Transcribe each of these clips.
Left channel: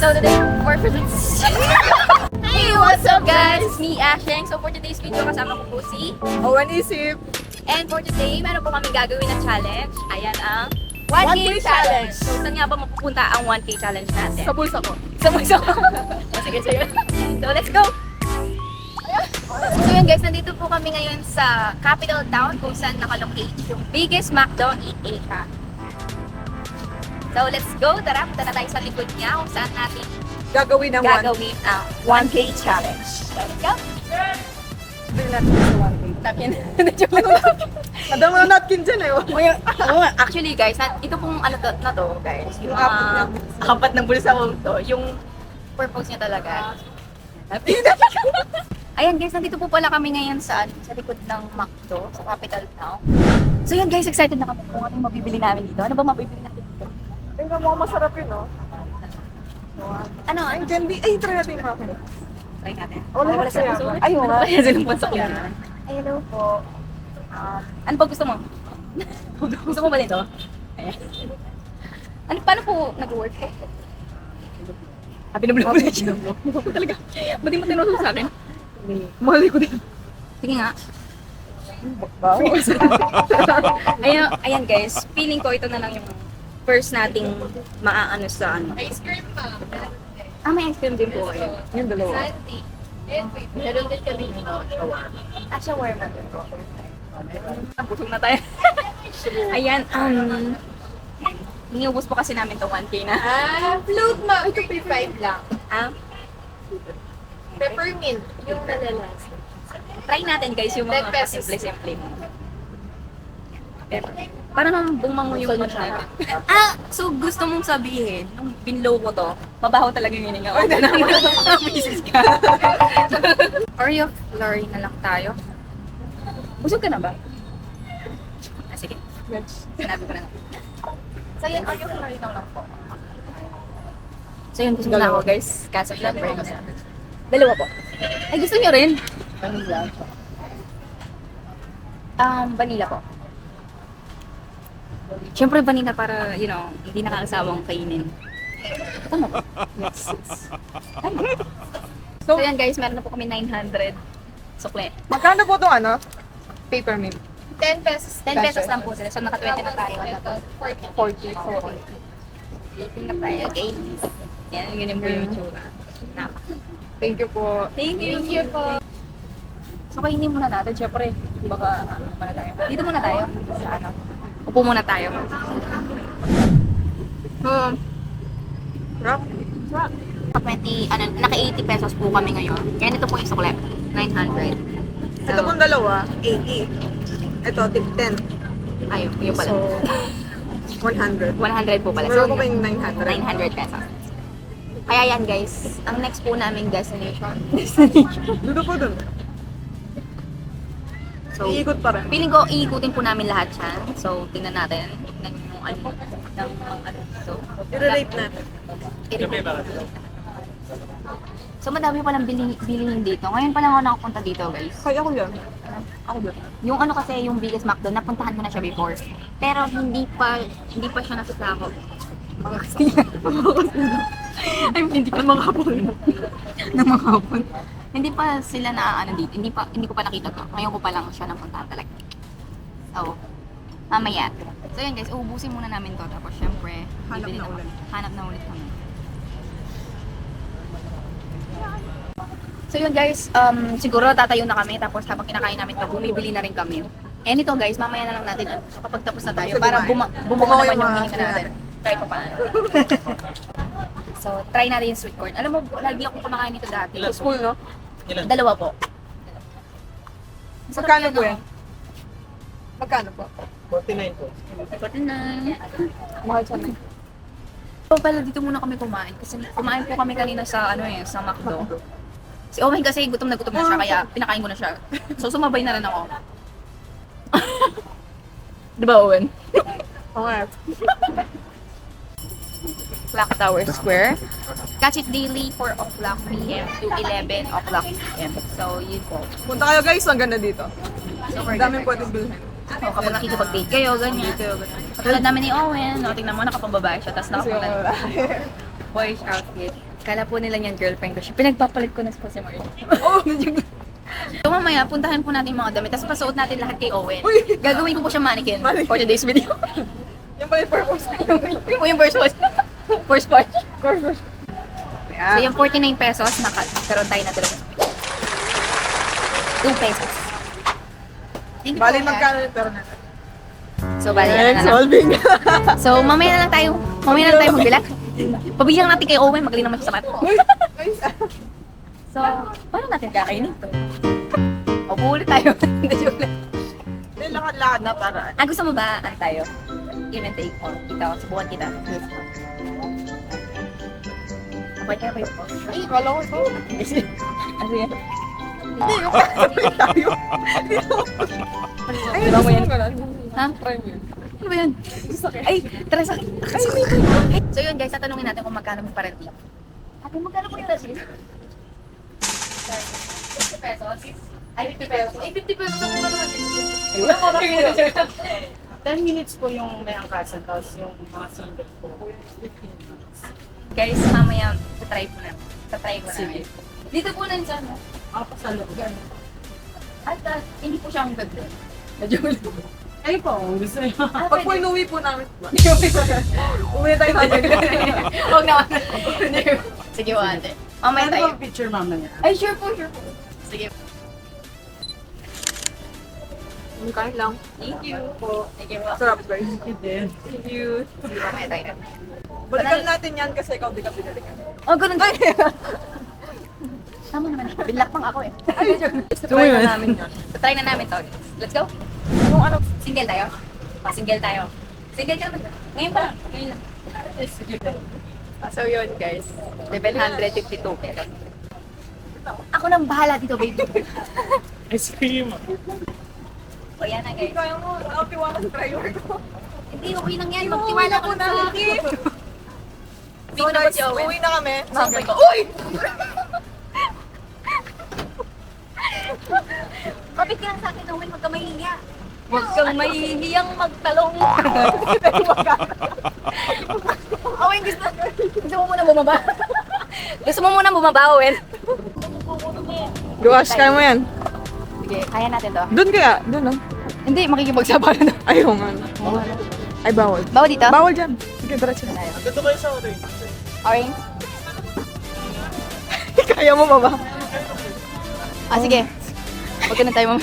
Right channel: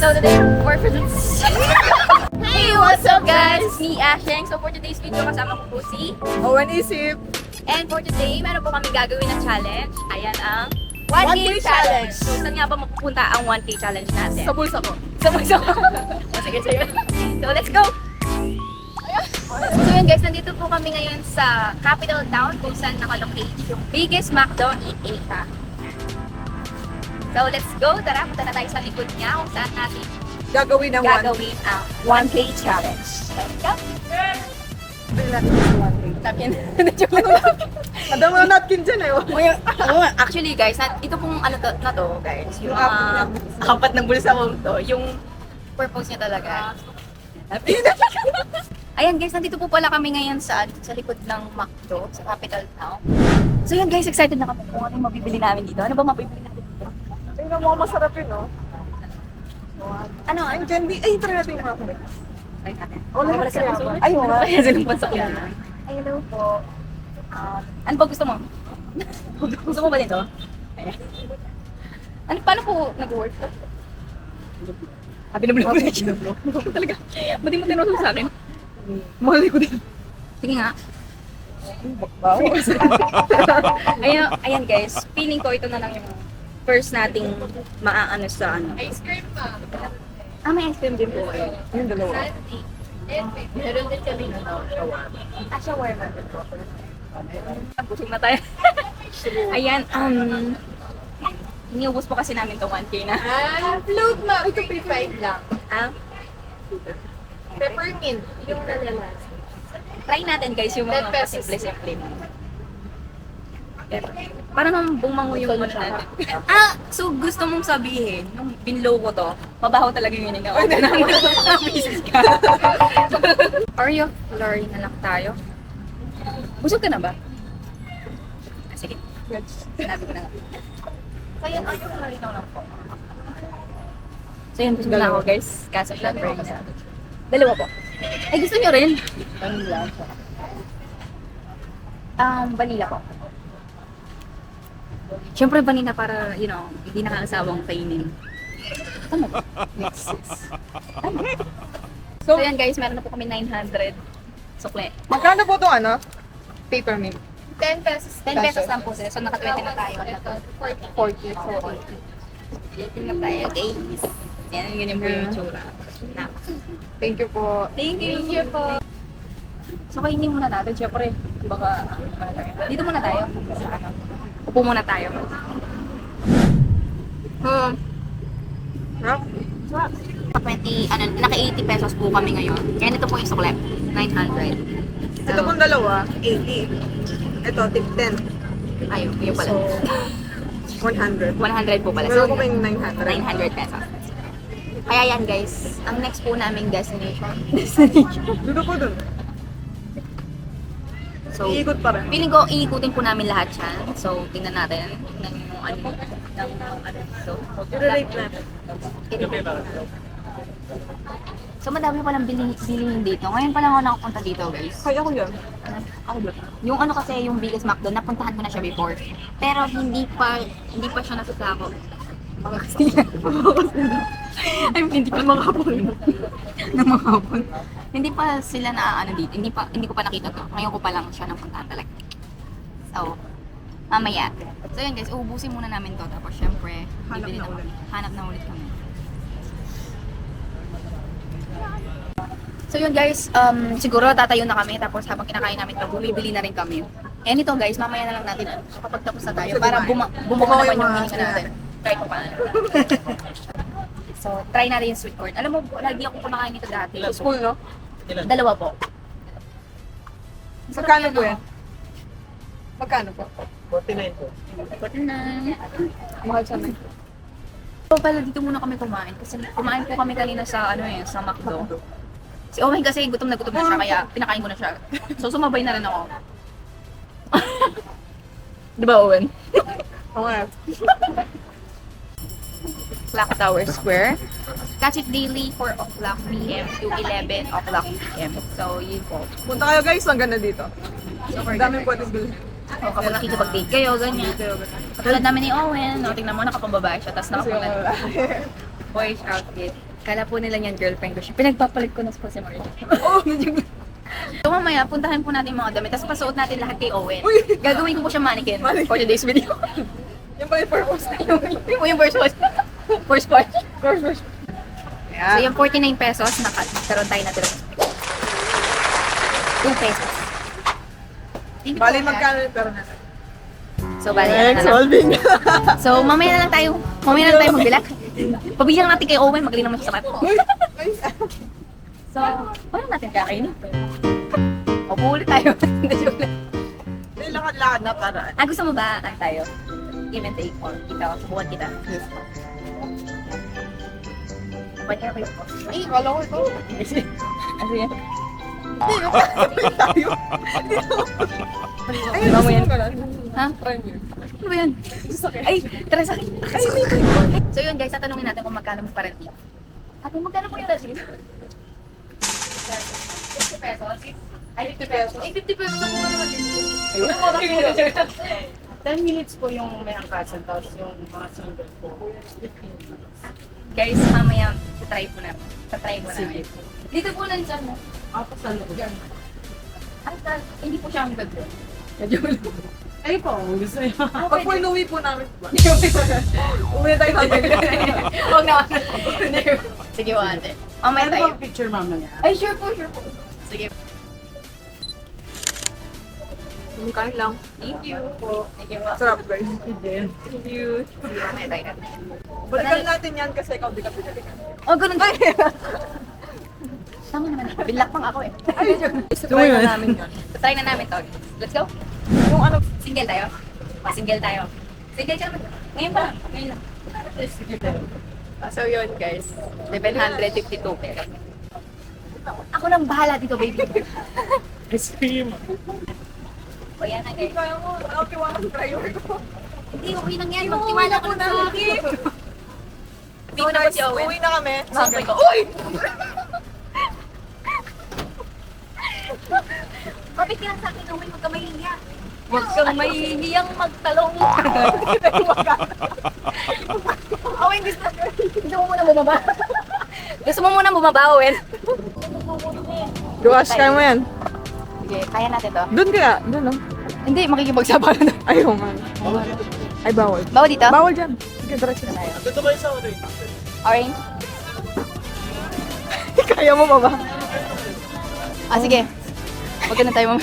So today, Hey, what's up guys? It's me, Asheng. So for today's video, kasama ko po si Owen Isip. And for today, meron po kami gagawin na challenge. Ayan ang 1K challenge. So saan nga ba mapupunta ang 1K challenge natin? Sa bulsa ko. Sa bulsa ko. Sige, so yun. So let's go! So yun guys, nandito po kami ngayon sa capital town kung saan nakalocate yung biggest McDo in Asia. So let's go! Tara, punta na tayo sa likod niya kung saan natin Gagawin ng gagawin ang 1K challenge. So let's go! Bili natin sa 1K. Tapin. Madama na napkin dyan eh. Actually guys, ito pong ano na to guys, yung Yung apat ng bulsa ko to, yung purpose niya talaga. Ayan guys, nandito po pala kami ngayon sa likod ng McDo, sa capital town. So yan guys, excited na kami kung ano yung mabibili namin dito. Ano ba mabibili natin dito? Tingnan mo masarap yun, no? Ano? Ang candy. Ay, try natin yung mga kanina. Try natin. Wala sa puso. Ay, wala. Kaya silang pansak yun. Ay, hello po. Ano ba gusto mo? Gusto mo ba nito? Ayan. Ano, paano po nag-work? Binablo ko siya. Talaga. Ba't di mo tinusok sa akin? Mahali ko din. Sige nga. Wow. Ayan guys, feeling ko ito na lang yung first nating maaano sa ano. Ice cream pa. May ice cream din po kayo. Yung dalawa. Meron din kami shawarma. Shawarma din po. Busog na tayo. Ayan, iniubos po kasi namin itong 1K na. Float na. Ito pay 5 lang. Peppermint. Yung nalalas. Try natin guys yung mga 10 pesos. simple-simple mo. Parang bumango yung ano natin. So gusto mong sabihin, nung binlow ko to, mabaho talaga yung hininga. O na naman, bisis ka. Oreo Flurry na lang tayo. Busog ka na ba? Sige. Sinabi ko na lang. So yan, Oreo Flurry na lang po. So yun, busog na ako guys. Kaso syempre. Dalawa po. Ay, gusto nyo rin? Vanilla po. Siyempre vanilla para, you know, hindi nakakasawang kainin. Tama ba? Yes. Tama. So yan guys, meron na po kami 900 sukle. Magkano po ito, ano? Peppermint. 10 pesos. 10 pesos lang po sila. So naka-20 na tayo. 40. Tingnan tayo. Okay. Yan, ganyan po yung tsura. Thank you po. Thank you po. So kainin muna natin, syempre. Baka muna tayo. Dito muna tayo. Sa ano? Upo muna tayo. Rock? Naka 80 pesos po kami ngayon. Kaya ito po yung sukle. 900. Ito pong dalawa, 80. Ito, tip 10. Ayun, yung pala. So, 100. 100 po pala. Meron So, po kayong 900. 900 pesos. Kaya yan guys, ang next po naming destination. Dito po dun. So, Iikot pa rin. feeling ko iikutin po namin lahat yan. So, tingnan natin ng yung ano, ng mga ano dito. I-relate natin. I-relate natin. So, madami palang bilihin dito. Ngayon pa lang ako nakapunta dito guys. Kaya ako yan. Ako ba? Yung ano kasi, yung biggest McDo, napuntahan ko na siya before. Pero hindi pa siya nasasako. Mga Kastila. I mean, hindi pa mga hapon. ng mga hapon. Hindi pa sila na dito. Hindi ko pa nakita to. Ngayon ko pa lang siya napuntahan talaga. So, mamaya. So yun guys, uubusin muna namin to. Tapos syempre, bibili na kami. Hanap na ulit kami. So yun guys, siguro tatayo na kami. Tapos habang kinakain namin to, bumibili na rin kami. And ito guys, mamaya na lang natin. So kapag tapos na tayo, para bumawa naman yung hininga natin. Try pa paano. So, try natin yung sweet corn. Alam mo, lagi akong kumakain nito dati. Sa school, no? Dalawa po. Magkano po yan? Magkano po? 49. Mahal siya na. So, pala dito muna kami kumain. Kasi kumain po kami kanina sa, sa McDo. Si Owen kasi gutom na siya, kaya pinakain ko na siya. So, sumabay na rin ako. Di ba, Owen? Okay. Clock Tower Square. Catch it daily 4 o'clock p.m. to 11 o'clock p.m. So, yun po. Punta kayo guys, ang ganda dito. So, Ang daming pwedeng bilhin. O, kapag nakikipag-date kayo, ganyan. Katulad namin ni Owen, no, tingnan mo, nakapambabae siya, tapos Kasi yung nakapunta lalaki. boyish outfit. Kala po nila niyan girlfriend ko siya. Pinagpapalit ko na po si Marley. Oh! So mamaya, puntahan po natin yung mga damit. Tapos pasuot natin lahat kay Owen. Gagawin ko po siya mannequin for today's video. Yung pala yung purpose. Yung first watch. First watch. Purpose. So yung 49 pesos, nakaroon tayo na dalawang speech. 2 pesos. Thank you Bali, po, magkano yung pera natin? So, bali na lang. solving. So, mamaya na lang tayo magbilang. Pabilang natin kay Owen, magaling naman siya sa math. So, paano natin kakainin to? O, buulit tayo. May lakad-lakad na para. Gusto mo ba, tayo? Give and take on. Kita, subukan kita. Sabay kaya kayo po. Ay, kala ko ito. Sige. Hindi, yung tayo. Ay, Diba mo yan? gusto ko lang. Ha? Try mo yun. Ano ba yan? Sakit. Ay, tara sa akin. So yun guys, tatanungin natin kung magkano mo parang tip. Ate, magkano po yung lasing? 50 pesos? Ay, 50 pesos. Ay, 50 pesos ako naman din. Ayun. 10 minutes po yung may angkasan, tapos yung mga single po, 15 minutes. Guys, mamaya, tatry po namin. Tatry mo namin. Dito po lang siya, no? Ako sa loob. At hindi po siya ang ganda. Ay po, gusto niyo. Pag po inuwi po namin. Uwi na tayo namin. Huwag naman. Sige po, ate. Mamaya Ano tayo. ba picture mamaya? Ay, sure po, sure po. Sige. Kain lang. Thank you po. Thank you po. Sarap guys. Thank you. Sige, mamaya tayo. Balikan natin yan kasi ikaw di ka pinalikan. Oh, ganun ba? Tama naman. Binlakpang ako eh. Try na namin yan. So, try na namin to. Let's go. Yung ano, Single tayo? Single tayo. Single ka naman. Ngayon pa lang. Ngayon lang. So yun guys. 752 pesos. Ako nang bahala dito, baby. Ice cream. O yan na guys. kaya mo, nakatiwala sa driver ko. Hindi, okay lang yan. Magtiwala ko na sa akin. Hindi ko na ba si Owen? Uwi na kami. Sampay ko. Uy! Kapit ka lang sa akin, Owen. Huwag ka mahihiya. Huwag kang mahihiyang magtalong. Owen, gusto mo muna bumaba? Gusto mo muna bumaba, Owen? Gosh, kaya mo yan. Sige, kaya natin to. Doon kaya, doon no? Hindi, makikipagsabahan na. Ayaw nga. Ay, bawal. Bawa dito? Bawal dyan. Sige, diretso. Tayo. Dito kayo sa orange. Orange? Kaya mo ba ba? Sige. Huwag ka na tayo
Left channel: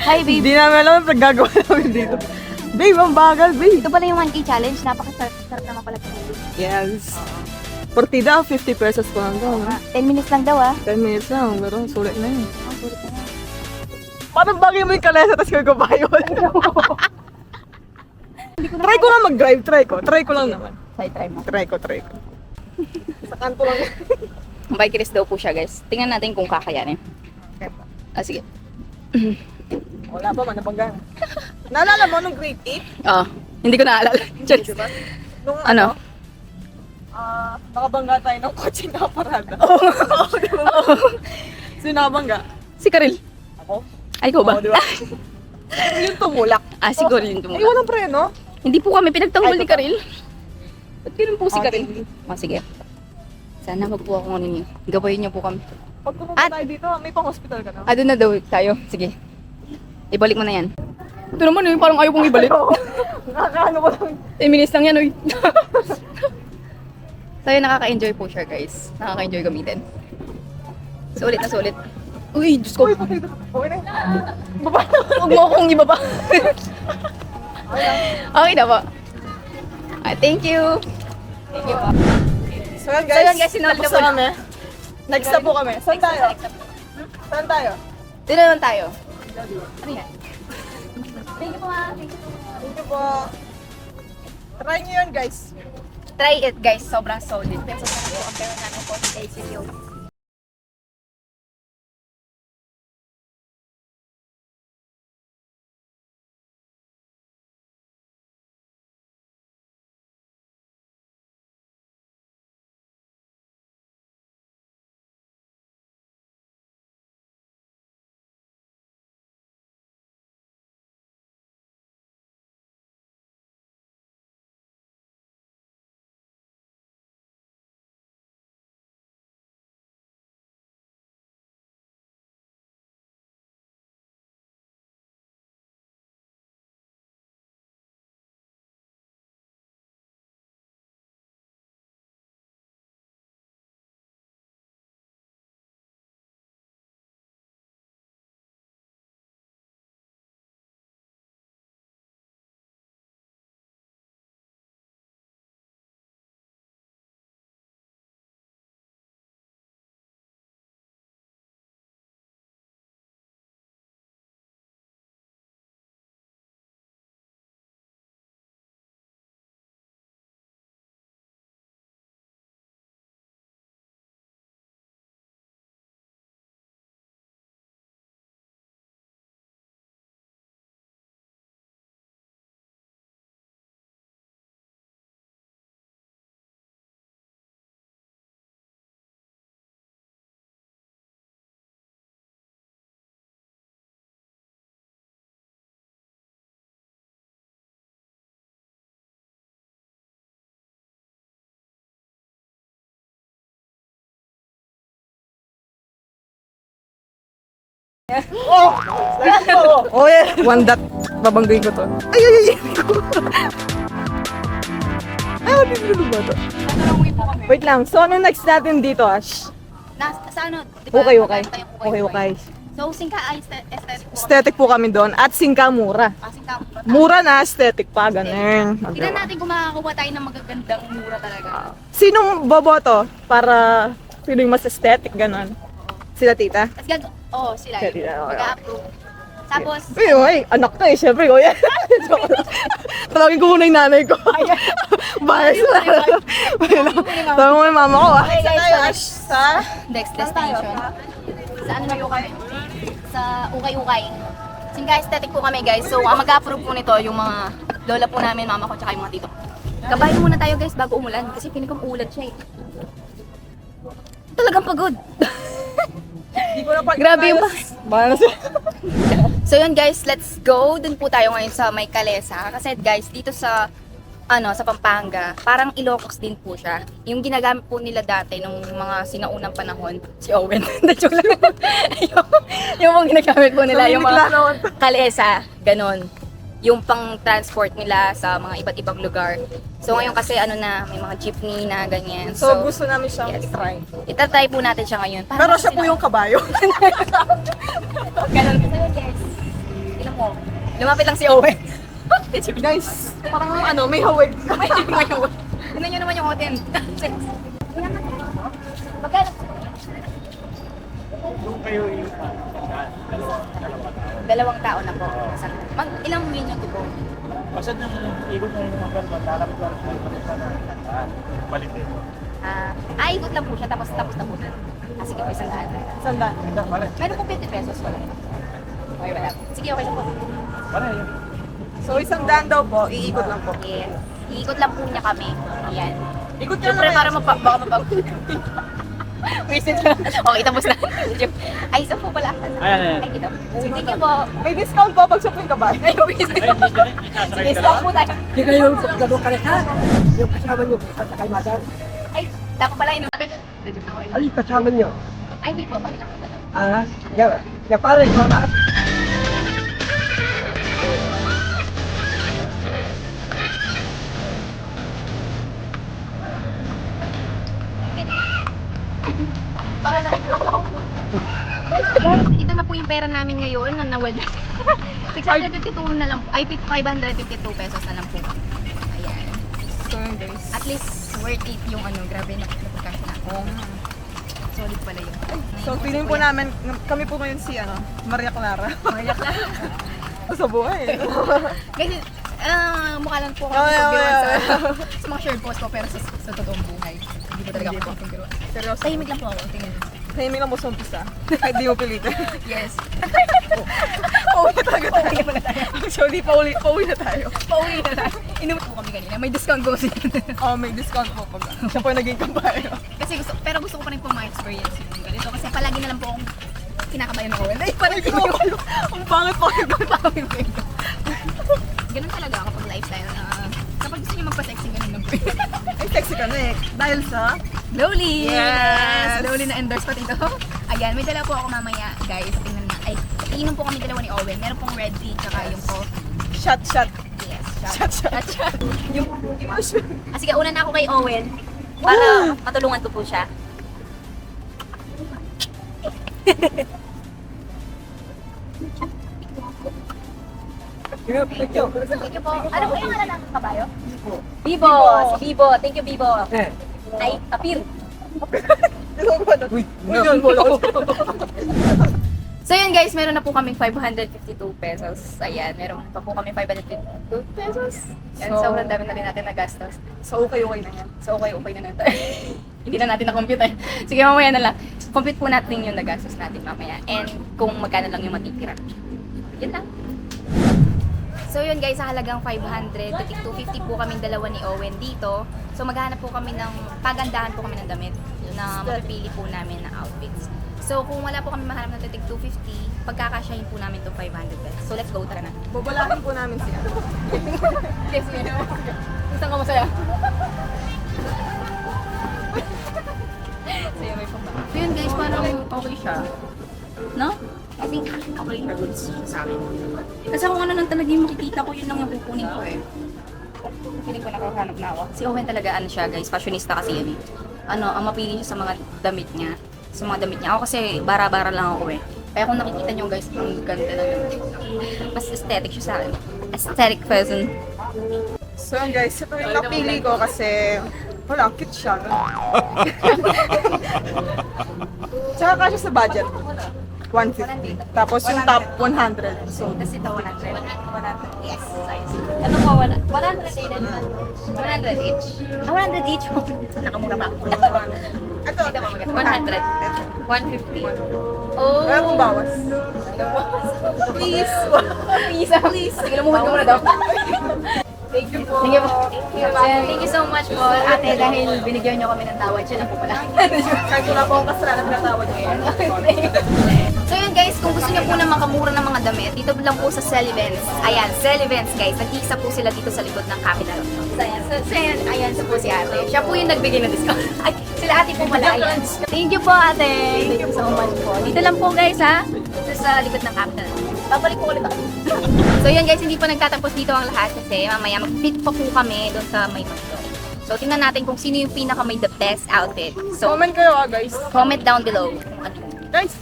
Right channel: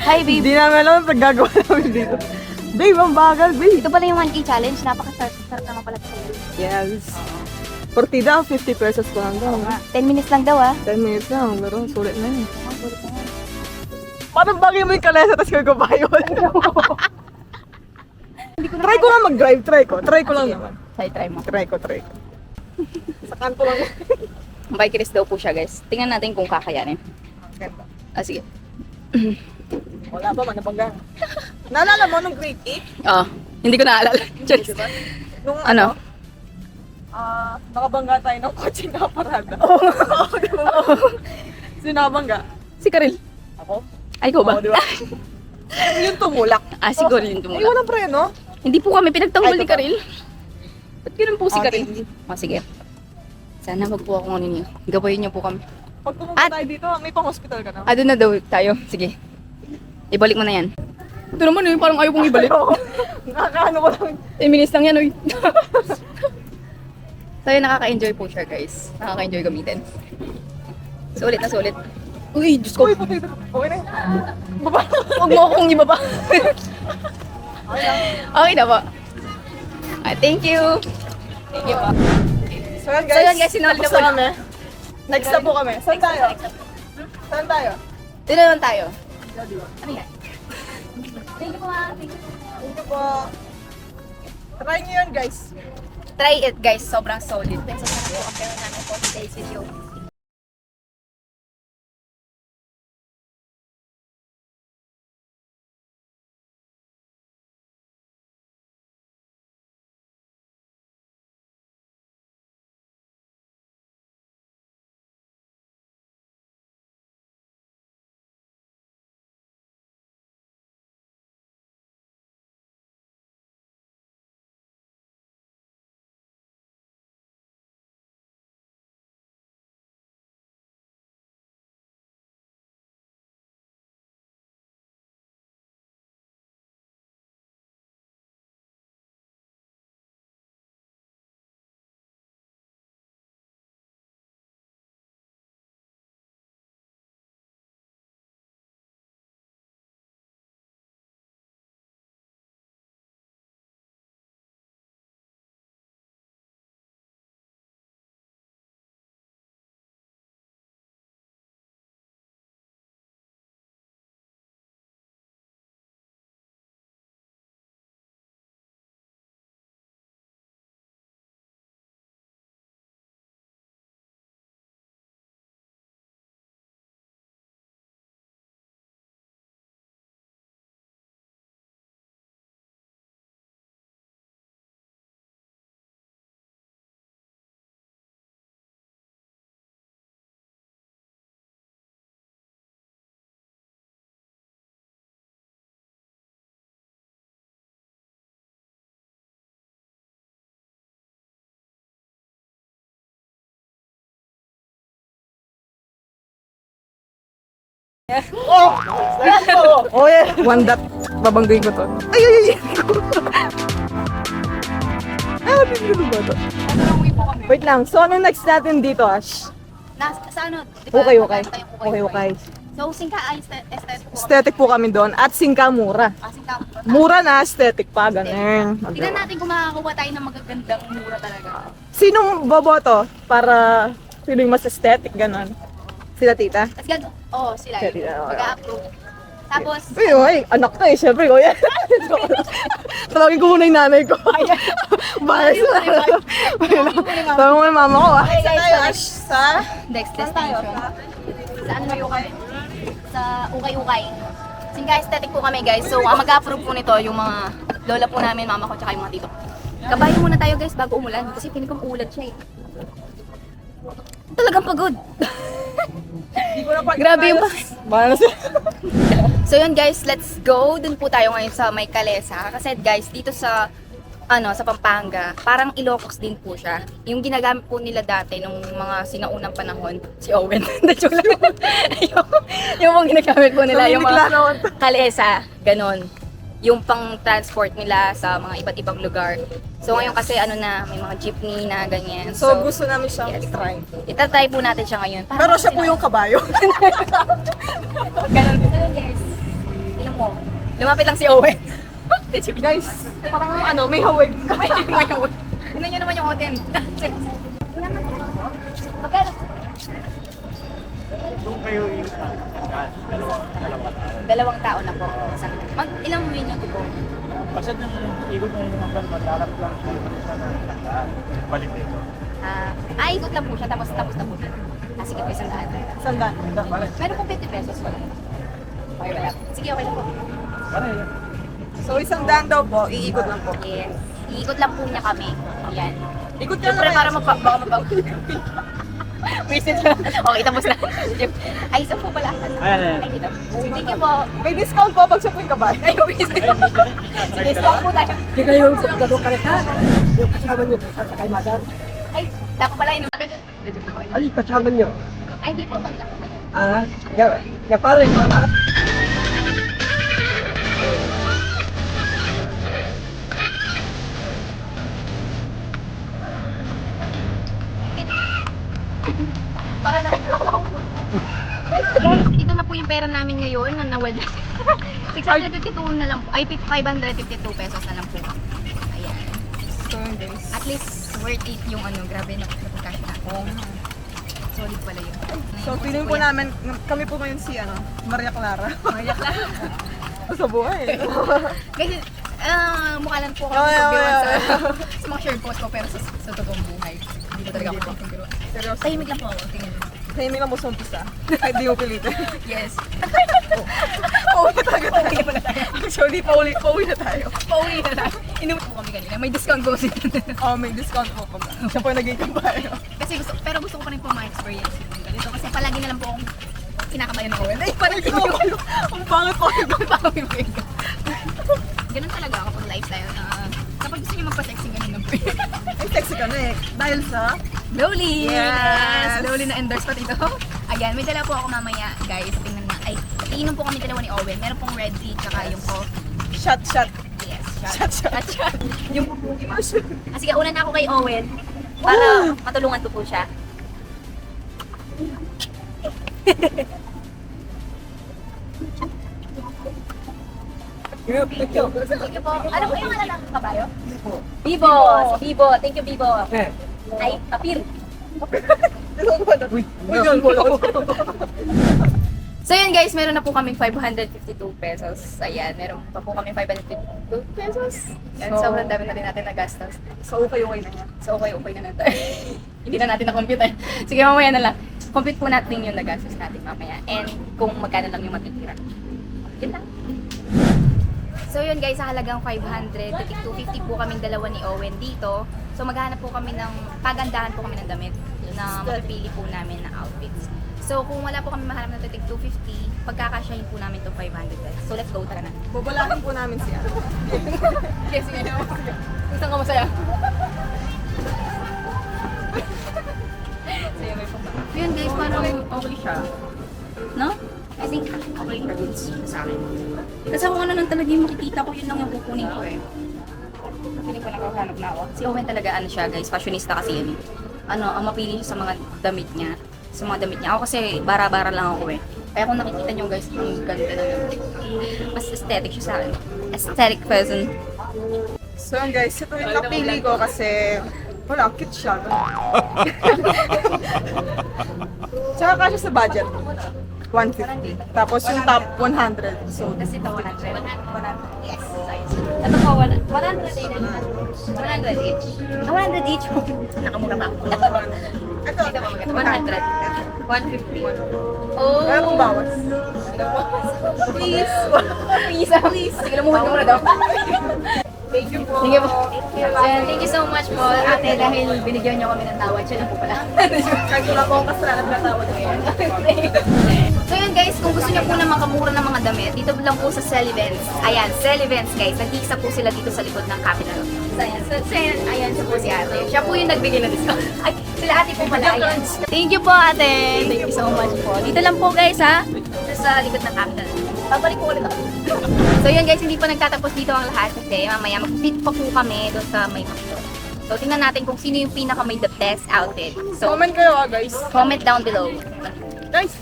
Hi, babe. Hindi namin alam pag gagawa namin dito. Babe, ang bagal, babe. Ito pala yung 1K challenge. Napakasarap naman pala. Yes. Portida, 50 pesos po lang daw. 10 minutes lang daw, 10 minutes lang, pero sulit na yun. Sulit na yan. Parang bagay mo yung kalesa, tapos gagabayon. Try ko lang mag-drive, try ko lang naman. Try mo. Try ko. Sa kanto lang. Bike race daw po siya, guys. Tingnan natin kung kakayanin. Sige. Wala pa man, nabangga. Naalala mo nung grade 8? Hindi ko naalala. Charis. Nung Ano? nakabangga tayo ng kotse na parada. Sinabangga. Si Karil. Ako? Ay, ikaw ba? Oo, di ba? Yung tumulak. Siguro yun Ay, tumula. walang preno. Hindi po kami pinagtanggol ni Karil. Ba't ganun po si Karil? Sige. Sana wag po akong ano niyo. Gabayin niyo po kami. Pag pumunta At- tayo dito, may pang-hospital ka na. Doon na daw tayo. Sige. Ibalik mo na yan. Ito naman parang ayaw kong ibalik. Nakakaano ko lang. 10 minutes lang yan, uy. So yun, nakaka-enjoy po siya, guys. Nakaka-enjoy gamitin. Sulit na sulit. Uy, Diyos ko. Uy, pati ito. Okay na. Huwag mo akong ibaba. Okay na po. Thank you. Thank you po. So yun So yun, guys, sinuli na tapos po. kami. Next na po kami. Saan tayo? Saan tayo? Dito naman tayo. Ano yan? Thank you po, ma. Thank you. Thank you po. Try nyo yun, guys. Try it, guys. Sobrang solid. Pesos na po ang pera namin po sa video. Oh! Let's go! One dot. Babanggain ko to. Ay, ay, ay. Ay, mabibili ba to? Tatanungin po kami. Wait lang. So, ano next natin dito, Ash? Sa ano, di ba? Okay, okay. magkano tayong Okay, okay. So, singka ay aesthetic po kami. Aesthetic po kami doon. At singka mura. Singka mura. Mura na, aesthetic pa. Ganun. Tignan natin kung makakakuha tayo ng magagandang mura talaga. Sinong boboto para sino yung mas aesthetic, ganun? Sila tita? Sila Sila, yun. Mag-a-approve. Tapos, Ay, anak to eh, syempre ko yan. Tawagin ko muna yung nanay ko. Bye. Tawagin mo yung mama ko. Okay, guys, tayo, so Ash? Sa? next destination. Sa ano kayo kayo? Sa Ukay-Ukay. Singka aesthetic po kami guys. So, ang mag-approve po nito yung mga lola po namin, mama ko, tsaka yung mga tito. Kabayo muna tayo guys bago umulan. Kasi pinig ko umulan siya eh. Talagang pagod. Grabe yung Bahala sila. So yun guys, let's go. Dun po tayo ngayon sa May Kalesa. Kasi guys, dito sa sa Pampanga, parang Ilocos din po siya. Yung ginagamit po nila dati nung mga sinaunang panahon, si Owen. Joke lang. yung mga ginagamit po nila, yung mga kalesa, ganon. Yung pang transport nila sa mga iba't ibang lugar. So ngayon kasi may mga jeepney na ganyan. So, gusto namin siyang yes. i-try. Itatry po natin siya ngayon. Pero siya po yung kabayo. Ganon. So yun guys, tingnan mo, lumapit lang si Owen. Guys, parang may hawig. Tingnan nyo naman yung hotel. Magkano? Dalawang tao na po. Ilang minuto po? Basta nung ikot ng mga lalakyan sa tandaan, balik dito. Ikot lang po siya, tapos na po siya. Sige po, 100. Sandaan. Meron po 50 pesos, wala. Okay, wala. Sige, okay lang po. Pareho yun. So, 100 daw po, iikot lang po. Yes. Iikot lang po niya kami. Ayan. Ikot niya Siyempre, lang para baka mapag... Message lang. Okay, tapos na. Ay, isa po pala. Ay, kita. Thank you po. May discount po pag siya po yung kabayo. Ay, sige, stop po tayo. Hindi kayo dalawang kareta. Yung kasama nyo, sa kay madam. Ay, dapat pala ino. Ay, kasama nyo. Ay, di po. Pare, para. Ito na po yung pera namin ngayon na nawala. 652 na lang po. Ay, 552 pesos na lang po. Ayan. So, guys. At least worth it yung grabe na cash na. Solid pala yun. So, feeling po namin, kami po ngayon si, Maria Clara. Mayak lang. Sa buhay. Kasi, mukha lang po ako Oh, yeah, pagbiruan yeah, sa mga short post ko, pero sa totoong buhay, hindi ko talaga ako pagbiruan. Seryoso. Tahimik lang po ako, tingnan mo. Tahimik lang mo sa umpisa. Kahit di mo pilitin. Yes. Pauwi na talaga tayo. Actually, pauwi na tayo. Pauwi na lang. Inuwi po kami kanina. May discount po kasi. Oh, may discount po pag siya po yung naging kabayo. Kasi gusto ko pa rin po ma-experience yung ganito. Kasi palagi na lang po akong kinakabayan ako. Ay, parang Ang pangit po ito. Ganun talaga ako pag lifestyle. Kapag gusto niyo magpa-sexy, ganun lang po. Ay, sexy ka na eh. Dahil sa... Slowly! Yes! Slowly na endorse pa dito. Ayan, may dala po ako mamaya, guys. Tingnan na. Ay, iinom po kami dalawa ni Owen. Meron pong red tea, tsaka yung po. Shot. Yes, Shot. shot. Yung, sige, una na ako kay Owen. Para matulungan ko po siya. Thank you po. Ano po yung ng kabayo? Bibo! Si Bibo. Thank you, Bibo. Ay, apir. Uy, yun, wala ko. So yun guys, meron na po kaming 552 pesos. Ayan, meron pa po kami 552 pesos. Yan, So, sobrang dami na rin natin nagastos. So, okay na yan. So okay na natin. Hindi na natin na-compute eh. Sige, mamaya na lang. Compute po natin yung nagastos natin mamaya. And kung magkano lang yung matitira. Yun lang. So yun guys, sa halagang 500 to 250 po kaming dalawa ni Owen dito. So maghahanap po kami pagandahan po kami ng damit na mapipili po namin na outfits. So kung wala po kami mahanap na titig 250, pagkakasyahin po namin itong 500 pesos. So let's go, tara na. Babalakin po namin siya. Yes, yun. Gusto ka masaya? So yun, may pumba. So yun guys, parang okay siya. No? Kasi think okay for goods sa akin. Kasi kung ano lang talaga yung makikita ko, yun lang yung kukunin ko eh. Feeling ko nakahanap na ako. Si Owen talaga ano siya guys, fashionista kasi yan eh. Ano, ang mapili siya sa mga damit niya. Sa mga damit niya. Ako kasi bara-bara lang ako eh. Kaya kung nakikita niyo guys, ang ganda na lang. Mas aesthetic siya sa akin. Aesthetic person. So yun guys, ito yung napili ko kasi wala, cute siya. Tsaka kasya sa budget. 150. Tapos yung top 100. So, Kasi ito 100. 100. Yes. Ito po, 100 each. 100 each. Nakamura pa ako. ito, Ito pa maganda. 100. Ito. 150. Oh. Wala pong bawas. Please. Please. Sige, lumuhod ka muna daw. Thank you po. Thank you po. Thank you so much po, ate, dahil binigyan niyo kami ng tawad. Siya lang po pala. Kahit wala po akong kasalanan na tawad ngayon. So yun guys, kung gusto niyo po na makamura ng mga damit, dito lang po sa Celivents. Ayan, Celivents guys. Nag-iisa po sila dito sa likod ng Capital. So ayan so po si ate. Siya po yung nagbigay ng discount. Ay, sila ate po pala. Ayan. Thank you po ate. Thank you so much po. Dito lang po guys ha. Sa likod ng Capital. Babalik po ulit ako. So yun guys, hindi po nagtatapos dito ang lahat kasi mamaya mag-fit pa po kami doon sa may McDo. So tingnan natin kung sino yung pinaka may the best outfit. So Comment kayo guys. comment down below kung ano. Guys,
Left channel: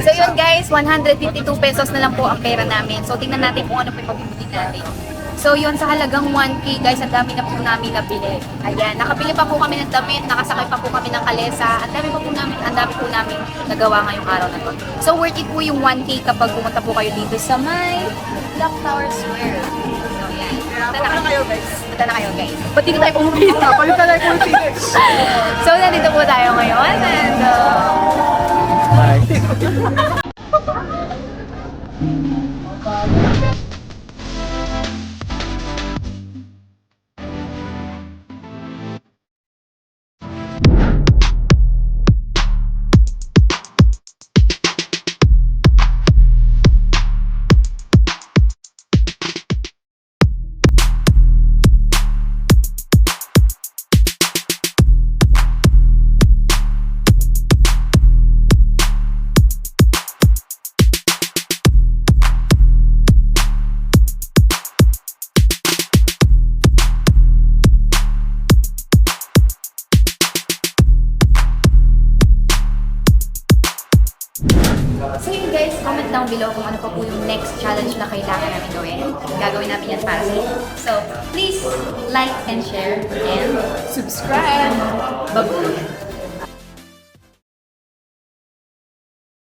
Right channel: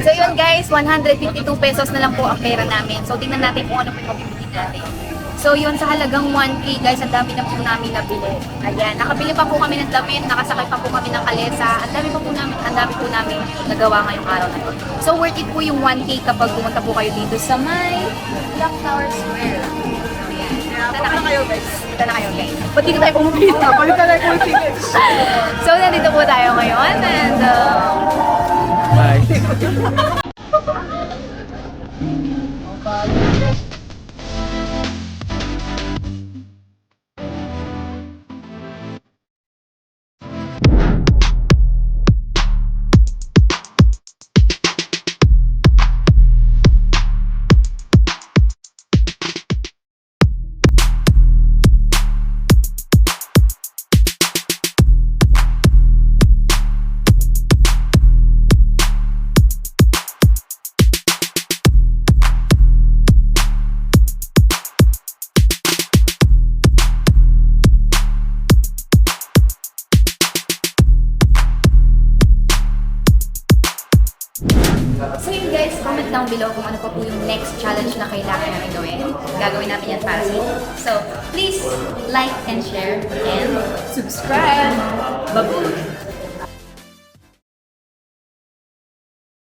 So yun guys, 152 pesos na lang po ang pera namin. So tingnan natin kung ano po yung mabibili natin. So yun, sa halagang 1K guys, ang dami na po namin nabili. Ayan, nakabili pa po kami ng damit, nakasakay pa po kami ng kalesa. Ang dami po namin nagawa ngayong araw na to. So worth it po yung 1K kapag pumunta po kayo dito sa may Clock Tower Square. So yan. punta na kayo guys. Punta na kayo guys. Ba't dito tayo pumapili? Balik na lang yung figures. So nandito po tayo ngayon and So yun guys, comment down below kung ano pa po yung next challenge na kailangan namin gawin. Gagawin namin yan para sa inyo. So, please like and share and subscribe. Bye-bye!